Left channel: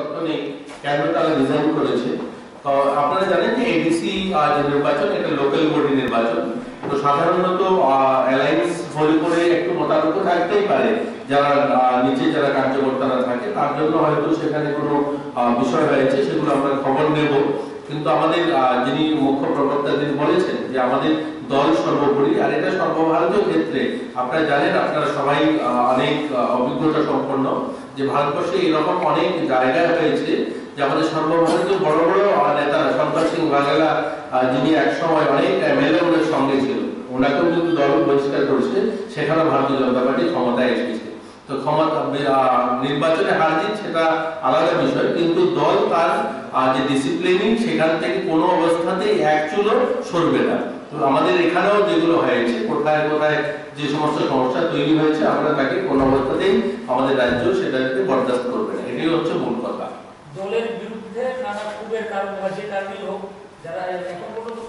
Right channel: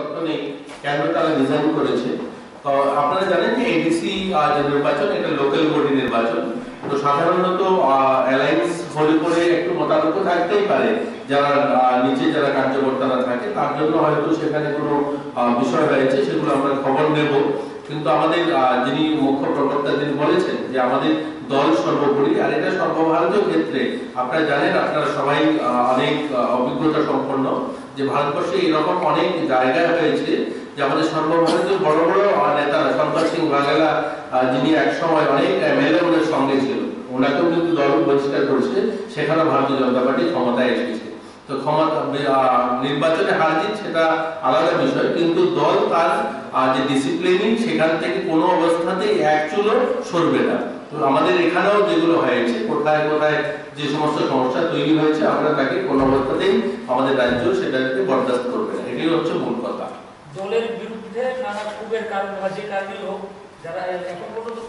তথ্য নেই কেন তারা রিজাইন করেছে। তো আপনারা জানেন যে এডিসি যে নির্বাচন এটা লোকাল বডি নির্বাচন, তো সাধারণত অ্যালায়েন্স হলে পরে একটু মতামত থাকতেই পারে যারা নিচে যারা কার্যকর্তারা থাকে, তার জন্য হয়তো সেখানে কোনো বিষয় হয়েছে, সেগুলো আমরা খবর নেব। কিন্তু আমাদের যিনি মুখ্য প্রবক্তা তিনি বলেছেন যে আমাদের দল সর্বোপরি, আর এটা সর্বভারতীয় ক্ষেত্রে আপনারা জানেন, আপনারা সবাই অনেক অভিজ্ঞতা সম্পন্ন যে ভারতবর্ষে এরকম অনেক জায়গায় হয়েছে যে আমাদের সর্বভারতীয় বড় বড় নেতারা, শঙ্কর সিং বাঘেলা যিনি একসময় অনেক এমএলএ সঙ্গে ছিল, ওনাকেও কিন্তু দল বহিষ্কার করেছে, সেখানে ভারতীয় জনতা পার্টি ক্ষমতায় এসেছে। তো ক্ষমতা নির্বাচনে হার জিত সেটা আলাদা বিষয়, কিন্তু দল তার যে ডিসিপ্লিনিং সেখান থেকে কোনো অবস্থাতেই এক চুলও সরবে না। তো আমাদের এখানেও যেগুলো হয়েছে, কোথায় কোথায় যে সমস্ত সমস্যা তৈরি হয়েছে, আমরা তাকে কোনো অবস্থাতেই আমাদের রাজ্য সেটাকে বরদাস্ত করবে না, এটাই হচ্ছে মূল কথা। দলের বিরুদ্ধে নানা ক্ষোভের কারণে বা যে কারণেই হোক, যারা এখন পর্যন্ত